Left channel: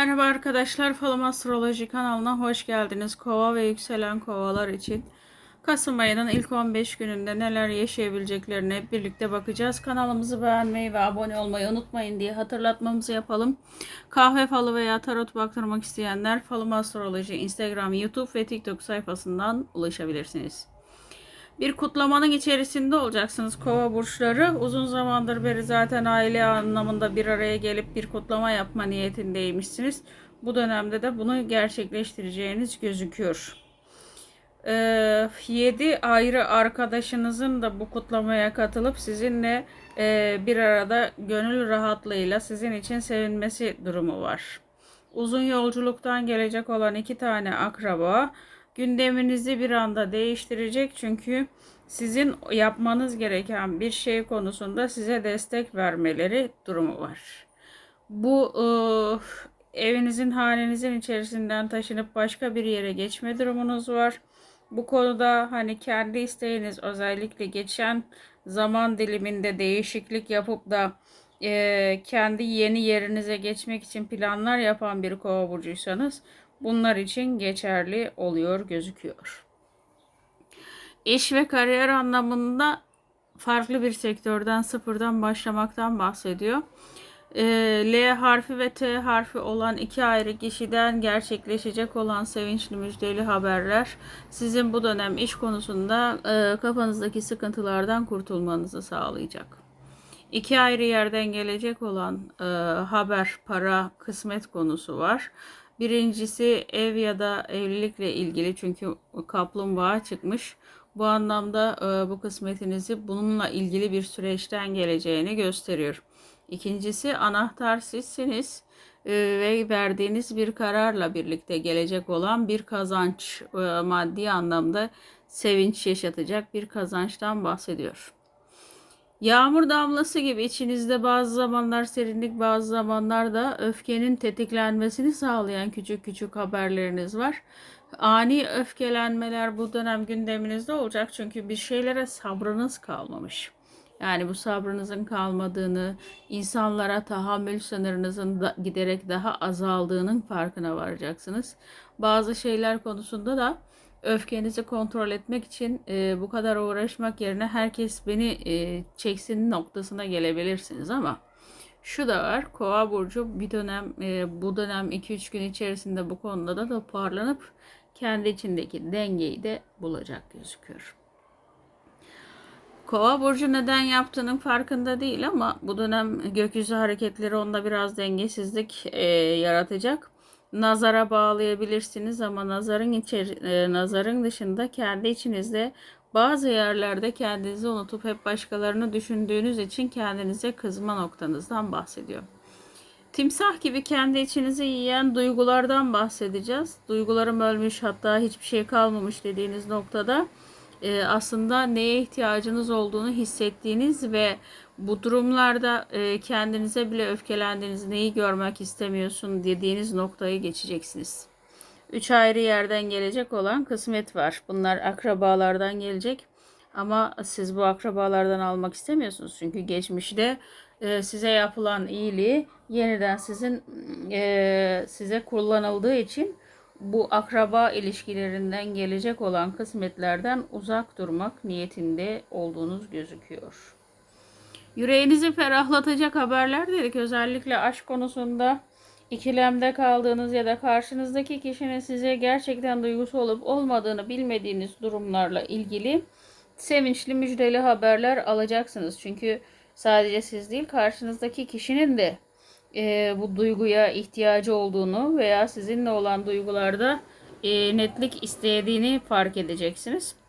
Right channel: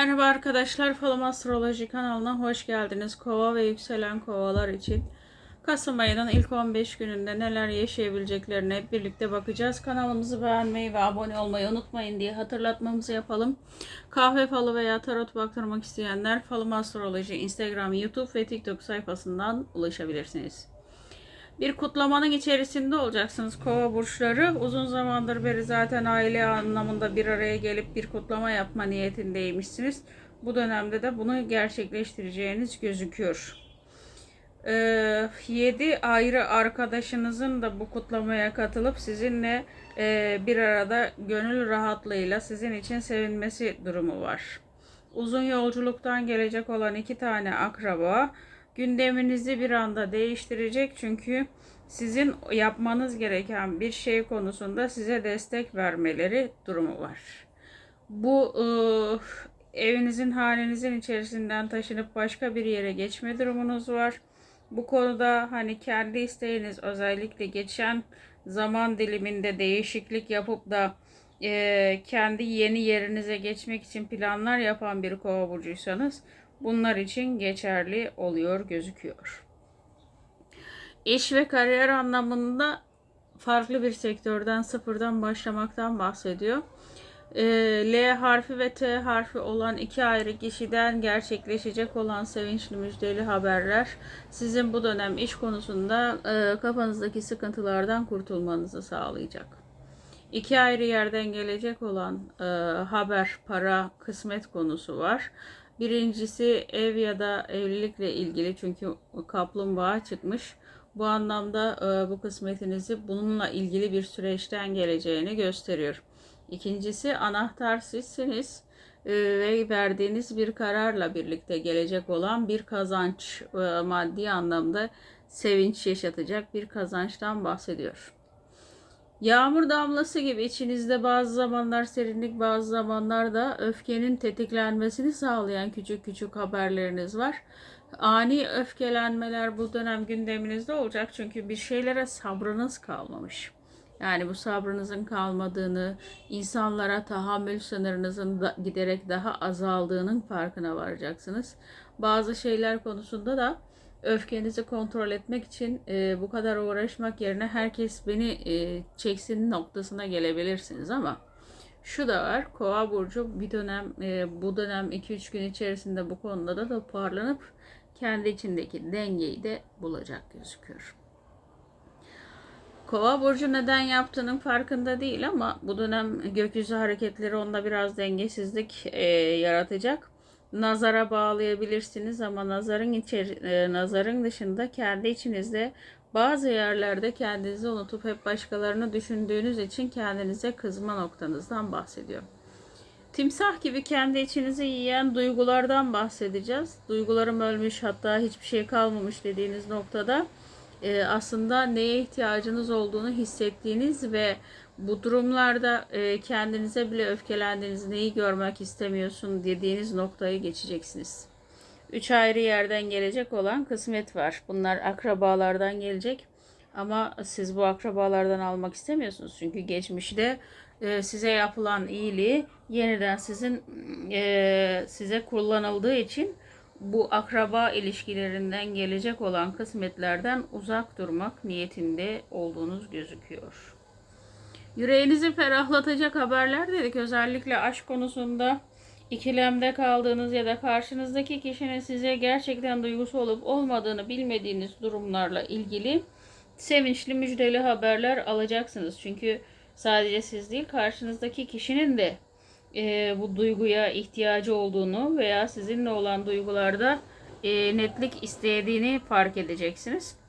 Merhaba arkadaşlar, Falım Astroloji kanalına hoş geldiniz. Kova ve yükselen kovalar için Kasım ayının ilk 15 gününde neler yaşayabileceklerine birlikte bakacağız. Kanalımızı beğenmeyi ve abone olmayı unutmayın diye hatırlatmamızı yapalım. Kahve falı veya tarot baktırmak isteyenler Falım Astroloji Instagram, YouTube ve TikTok sayfasından ulaşabilirsiniz. Bir kutlamanın içerisinde olacaksınız kova burçları. Uzun zamandır beri zaten aile anlamında bir araya gelip bir kutlama yapma niyetindeymişsiniz. Bu dönemde de bunu gerçekleştireceğiniz gözüküyor. 7 ayrı arkadaşınızın da bu kutlamaya katılıp sizinle e, bir arada gönül rahatlığıyla sizin için sevinmesi durumu var. Uzun yolculuktan gelecek olan iki tane akraba gündeminizi bir anda değiştirecek çünkü sizin yapmanız gereken bir şey konusunda size destek vermeleri durumu var. Bu evinizin halinizin içerisinden taşınıp başka bir yere geçme durumunuz var. Bu konuda hani kendi isteğiniz özellikle geçen zaman diliminde değişiklik yapıp da e, kendi yeni yerinize geçmek için planlar yapan bir kova burcuysanız bunlar için geçerli oluyor gözüküyor. İş ve kariyer anlamında farklı bir sektörden sıfırdan başlamaktan bahsediyor. Ee, L harfi ve T harfi olan iki ayrı kişiden gerçekleşecek olan sevinçli müjdeli haberler sizin bu dönem iş konusunda e, kafanızdaki sıkıntılardan kurtulmanızı sağlayacak. İki ayrı yerden gelecek olan e, haber, para, kısmet konusu var. Birincisi ev ya da evlilikle ilgili çünkü kaplumbağa çıkmış. Bu anlamda e, bu kısmetinizi bununla ilgili bir süreçten geleceğini gösteriyor. İkincisi anahtar sizsiniz e, ve verdiğiniz bir kararla birlikte gelecek olan bir kazanç e, maddi anlamda sevinç yaşatacak bir kazançtan bahsediyor. Yağmur damlası gibi içinizde bazı zamanlar serinlik bazı zamanlarda öfkenin tetiklenmesini sağlayan küçük küçük haberleriniz var. Ani öfkelenmeler bu dönem gündeminizde olacak çünkü bir şeylere sabrınız kalmamış. Yani bu sabrınızın kalmadığını, insanlara tahammül sınırınızın da giderek daha azaldığının farkına varacaksınız. Bazı şeyler konusunda da öfkenizi kontrol etmek için e, bu kadar uğraşmak yerine herkes beni e, çeksin noktasına gelebilirsiniz ama şu da var. Kova burcu bir dönem e, bu dönem 2-3 gün içerisinde bu konuda da toparlanıp kendi içindeki dengeyi de bulacak gözüküyor. Kova burcu neden yaptığının farkında değil ama bu dönem gökyüzü hareketleri onda biraz dengesizlik e, yaratacak. Nazara bağlayabilirsiniz ama nazarın içeri, e, nazarın dışında kendi içinizde bazı yerlerde kendinizi unutup hep başkalarını düşündüğünüz için kendinize kızma noktanızdan bahsediyor. Timsah gibi kendi içinizi yiyen duygulardan bahsedeceğiz. Duygularım ölmüş hatta hiçbir şey kalmamış dediğiniz noktada e, aslında neye ihtiyacınız olduğunu hissettiğiniz ve bu durumlarda e, kendinize bile öfkelendiğiniz, neyi görmek istemiyorsun dediğiniz noktayı geçeceksiniz. Üç ayrı yerden gelecek olan kısmet var. Bunlar akrabalardan gelecek. Ama siz bu akrabalardan almak istemiyorsunuz. Çünkü geçmişte e, size yapılan iyiliği yeniden sizin e, size kullanıldığı için bu akraba ilişkilerinden gelecek olan kısmetlerden uzak durmak niyetinde olduğunuz gözüküyor. Yüreğinizi ferahlatacak haberler dedik. Özellikle aşk konusunda ikilemde kaldığınız ya da karşınızdaki kişinin size gerçekten duygusu olup olmadığını bilmediğiniz durumlarla ilgili sevinçli müjdeli haberler alacaksınız. Çünkü sadece siz değil karşınızdaki kişinin de e, bu duyguya ihtiyacı olduğunu veya sizinle olan duygularda e, netlik istediğini fark edeceksiniz.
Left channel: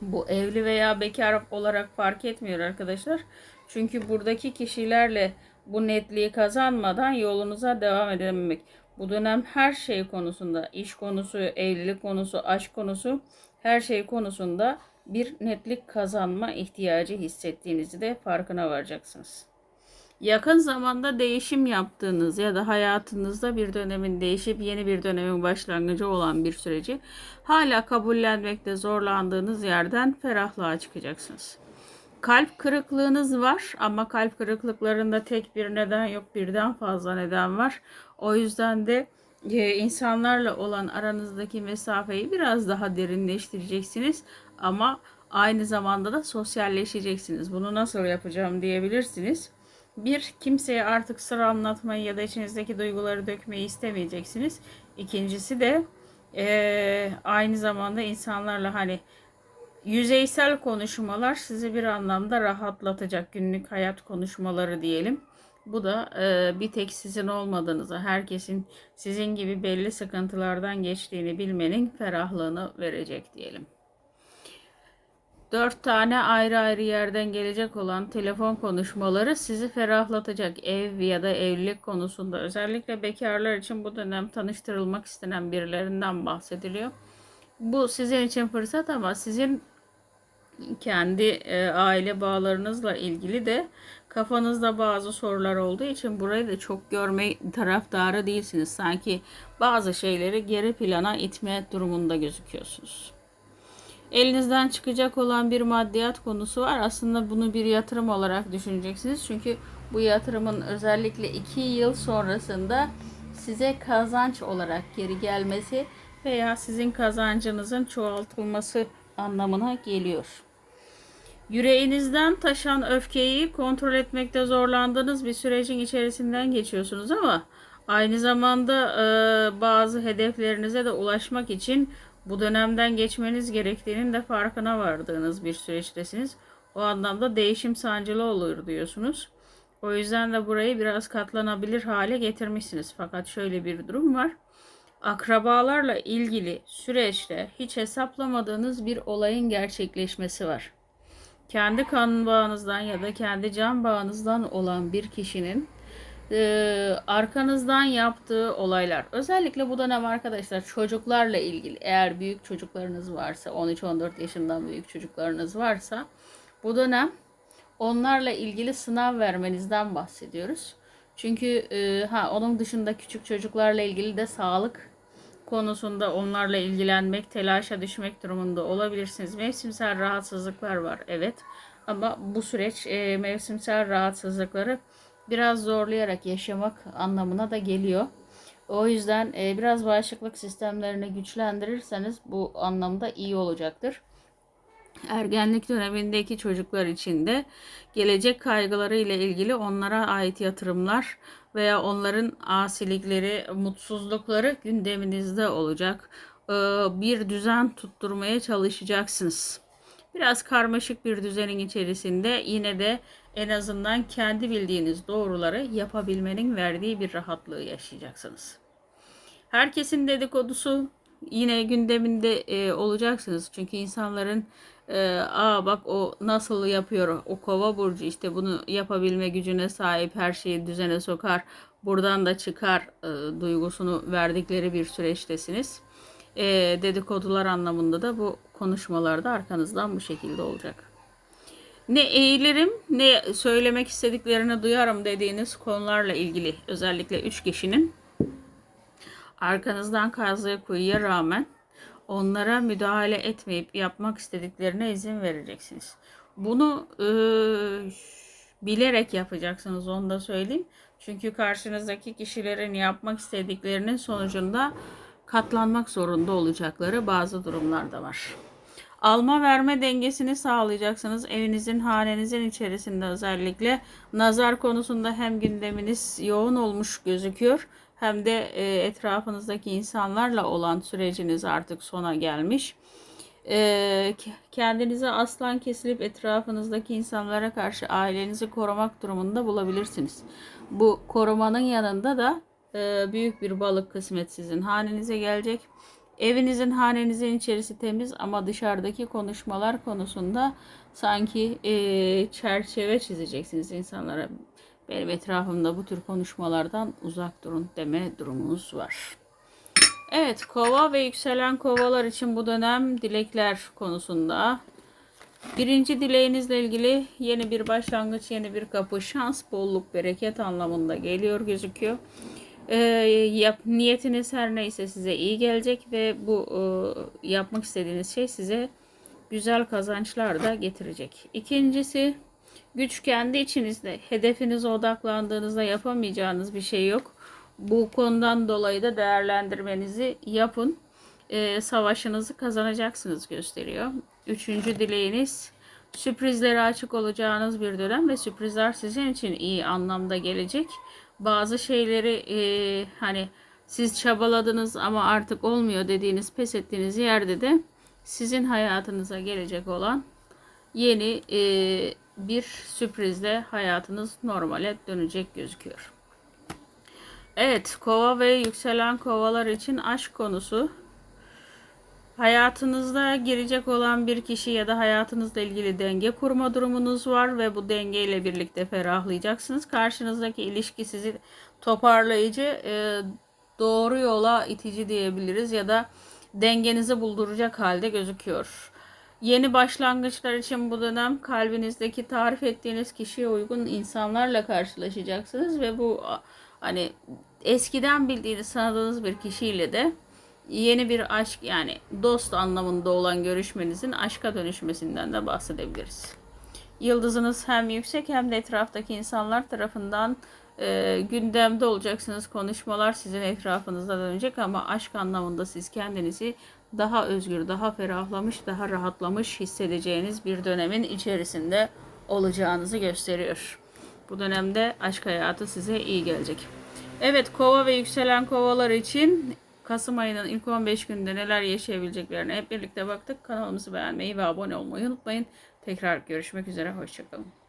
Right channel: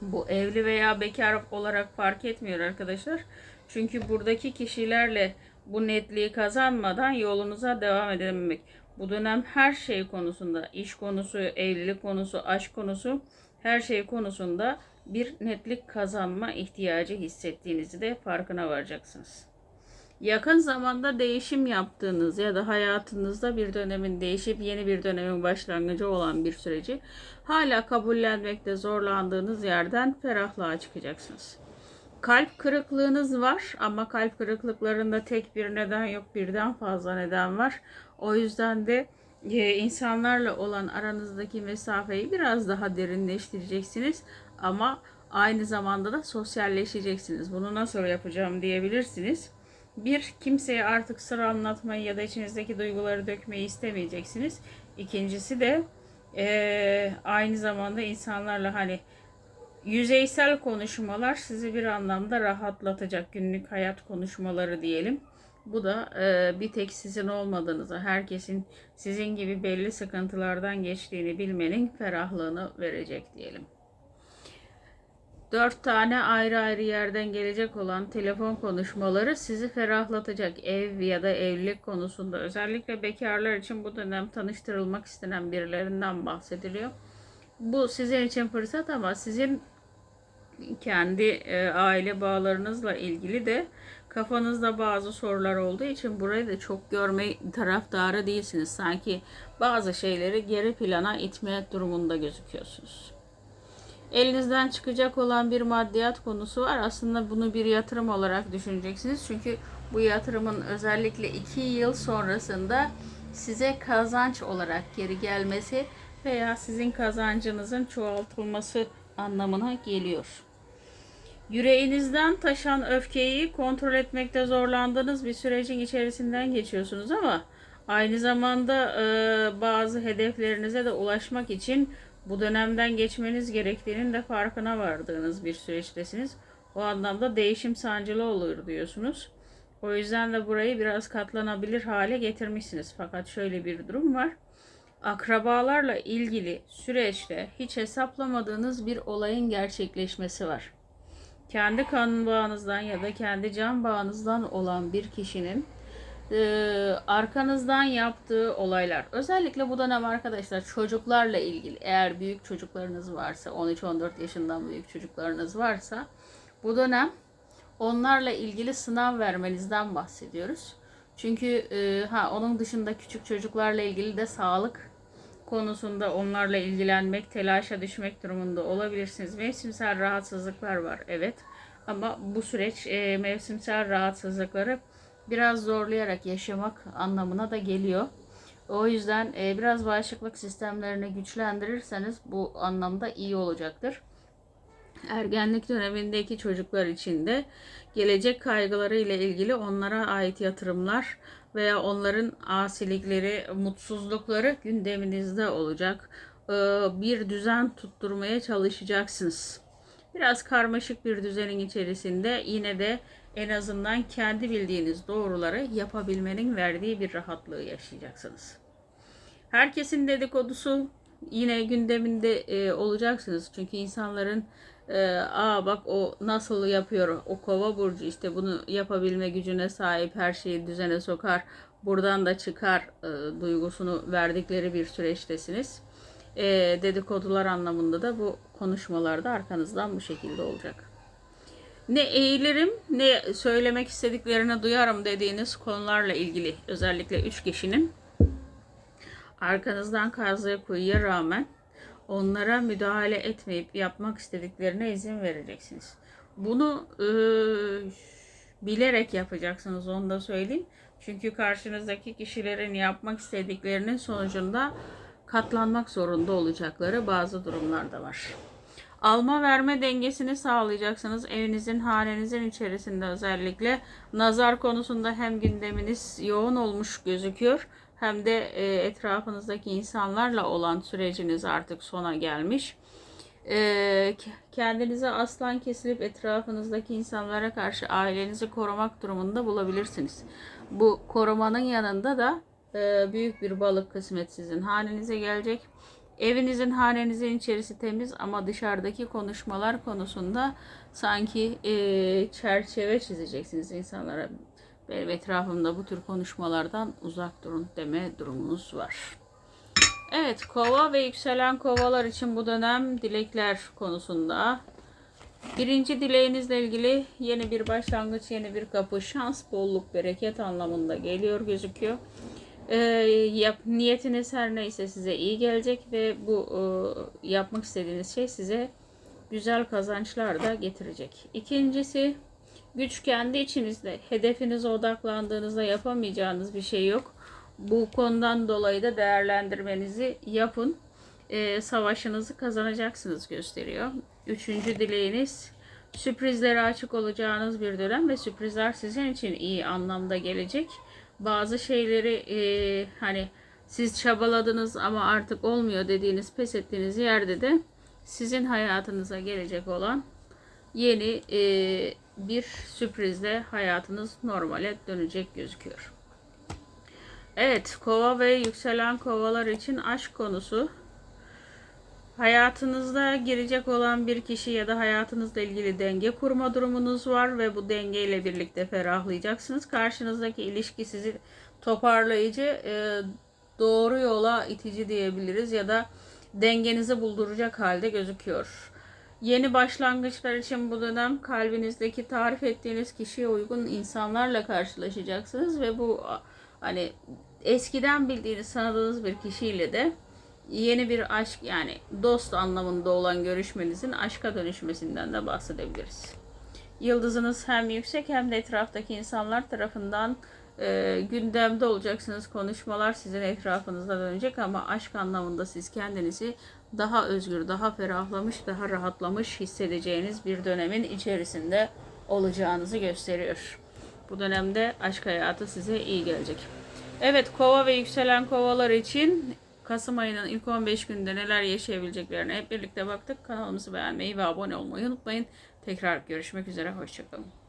Bu evli veya bekar olarak fark etmiyor arkadaşlar. Çünkü buradaki kişilerle bu netliği kazanmadan yolunuza devam edememek. Bu dönem her şey konusunda, iş konusu, evlilik konusu, aşk konusu, her şey konusunda bir netlik kazanma ihtiyacı hissettiğinizi de farkına varacaksınız. Yakın zamanda değişim yaptığınız ya da hayatınızda bir dönemin değişip yeni bir dönemin başlangıcı olan bir süreci hala kabullenmekte zorlandığınız yerden ferahlığa çıkacaksınız. Kalp kırıklığınız var ama kalp kırıklıklarında tek bir neden yok birden fazla neden var. O yüzden de e, insanlarla olan aranızdaki mesafeyi biraz daha derinleştireceksiniz ama aynı zamanda da sosyalleşeceksiniz. Bunu nasıl yapacağım diyebilirsiniz. Bir, kimseye artık sır anlatmayı ya da içinizdeki duyguları dökmeyi istemeyeceksiniz. İkincisi de e, aynı zamanda insanlarla hani yüzeysel konuşmalar sizi bir anlamda rahatlatacak günlük hayat konuşmaları diyelim. Bu da e, bir tek sizin olmadığınızı, herkesin sizin gibi belli sıkıntılardan geçtiğini bilmenin ferahlığını verecek diyelim. Dört tane ayrı ayrı yerden gelecek olan telefon konuşmaları sizi ferahlatacak ev ya da evlilik konusunda. Özellikle bekarlar için bu dönem tanıştırılmak istenen birilerinden bahsediliyor. Bu sizin için fırsat ama sizin kendi e, aile bağlarınızla ilgili de kafanızda bazı sorular olduğu için burayı da çok görme taraftarı değilsiniz. Sanki bazı şeyleri geri plana itme durumunda gözüküyorsunuz. Elinizden çıkacak olan bir maddiyat konusu var. Aslında bunu bir yatırım olarak düşüneceksiniz. Çünkü bu yatırımın özellikle 2 yıl sonrasında size kazanç olarak geri gelmesi veya sizin kazancınızın çoğaltılması anlamına geliyor. Yüreğinizden taşan öfkeyi kontrol etmekte zorlandığınız bir sürecin içerisinden geçiyorsunuz ama aynı zamanda e, bazı hedeflerinize de ulaşmak için bu dönemden geçmeniz gerektiğinin de farkına vardığınız bir süreçtesiniz. O anlamda değişim sancılı olur diyorsunuz. O yüzden de burayı biraz katlanabilir hale getirmişsiniz. Fakat şöyle bir durum var. Akrabalarla ilgili süreçte hiç hesaplamadığınız bir olayın gerçekleşmesi var. Kendi kan bağınızdan ya da kendi can bağınızdan olan bir kişinin e, arkanızdan yaptığı olaylar. Özellikle bu dönem arkadaşlar çocuklarla ilgili eğer büyük çocuklarınız varsa 13-14 yaşından büyük çocuklarınız varsa bu dönem onlarla ilgili sınav vermenizden bahsediyoruz. Çünkü e, ha onun dışında küçük çocuklarla ilgili de sağlık konusunda onlarla ilgilenmek, telaşa düşmek durumunda olabilirsiniz. Mevsimsel rahatsızlıklar var evet. Ama bu süreç e, mevsimsel rahatsızlıkları biraz zorlayarak yaşamak anlamına da geliyor. O yüzden e, biraz bağışıklık sistemlerini güçlendirirseniz bu anlamda iyi olacaktır. Ergenlik dönemindeki çocuklar için de gelecek kaygıları ile ilgili onlara ait yatırımlar veya onların asilikleri, mutsuzlukları gündeminizde olacak. Ee, bir düzen tutturmaya çalışacaksınız. Biraz karmaşık bir düzenin içerisinde yine de en azından kendi bildiğiniz doğruları yapabilmenin verdiği bir rahatlığı yaşayacaksınız. Herkesin dedikodusu yine gündeminde e, olacaksınız. Çünkü insanların e, aa bak o nasıl yapıyor o kova burcu işte bunu yapabilme gücüne sahip her şeyi düzene sokar buradan da çıkar e, duygusunu verdikleri bir süreçtesiniz. E, dedikodular anlamında da bu konuşmalarda arkanızdan bu şekilde olacak. Ne eğilirim ne söylemek istediklerini duyarım dediğiniz konularla ilgili özellikle üç kişinin arkanızdan kazdığı kuyuya rağmen onlara müdahale etmeyip yapmak istediklerine izin vereceksiniz. Bunu e, bilerek yapacaksınız onu da söyleyeyim. Çünkü karşınızdaki kişilerin yapmak istediklerinin sonucunda katlanmak zorunda olacakları bazı durumlar da var. Alma verme dengesini sağlayacaksınız. Evinizin, hanenizin içerisinde özellikle nazar konusunda hem gündeminiz yoğun olmuş gözüküyor hem de e, etrafınızdaki insanlarla olan süreciniz artık sona gelmiş. E, kendinize aslan kesilip etrafınızdaki insanlara karşı ailenizi korumak durumunda bulabilirsiniz. Bu korumanın yanında da e, büyük bir balık kısmet sizin hanenize gelecek. Evinizin, hanenizin içerisi temiz ama dışarıdaki konuşmalar konusunda sanki e, çerçeve çizeceksiniz insanlara. Benim etrafımda bu tür konuşmalardan uzak durun deme durumunuz var. Evet, kova ve yükselen kovalar için bu dönem dilekler konusunda. Birinci dileğinizle ilgili yeni bir başlangıç, yeni bir kapı, şans, bolluk, bereket anlamında geliyor gözüküyor. Ee, yap, niyetiniz her neyse size iyi gelecek ve bu e, yapmak istediğiniz şey size güzel kazançlar da getirecek. İkincisi güç kendi içinizde. Hedefinize odaklandığınızda yapamayacağınız bir şey yok. Bu konudan dolayı da değerlendirmenizi yapın. Ee, savaşınızı kazanacaksınız gösteriyor. Üçüncü dileğiniz sürprizlere açık olacağınız bir dönem ve sürprizler sizin için iyi anlamda gelecek. Bazı şeyleri e, hani siz çabaladınız ama artık olmuyor dediğiniz pes ettiğiniz yerde de sizin hayatınıza gelecek olan yeni e, bir sürprizle hayatınız normale dönecek gözüküyor. Evet, kova ve yükselen kovalar için aşk konusu. Hayatınızda girecek olan bir kişi ya da hayatınızla ilgili denge kurma durumunuz var ve bu dengeyle birlikte ferahlayacaksınız. Karşınızdaki ilişki sizi toparlayıcı, e, doğru yola itici diyebiliriz ya da dengenizi bulduracak halde gözüküyor. Yeni başlangıçlar için bu dönem kalbinizdeki tarif ettiğiniz kişiye uygun insanlarla karşılaşacaksınız ve bu hani eskiden bildiğiniz tanıdığınız bir kişiyle de yeni bir aşk yani dost anlamında olan görüşmenizin aşka dönüşmesinden de bahsedebiliriz. Yıldızınız hem yüksek hem de etraftaki insanlar tarafından e, gündemde olacaksınız. Konuşmalar sizin etrafınızda dönecek ama aşk anlamında siz kendinizi daha özgür, daha ferahlamış, daha rahatlamış hissedeceğiniz bir dönemin içerisinde olacağınızı gösteriyor. Bu dönemde aşk hayatı size iyi gelecek. Evet, kova ve yükselen kovalar için Kasım ayının ilk 15 günde neler yaşayabileceklerine hep birlikte baktık. Kanalımızı beğenmeyi ve abone olmayı unutmayın. Tekrar görüşmek üzere, hoşçakalın.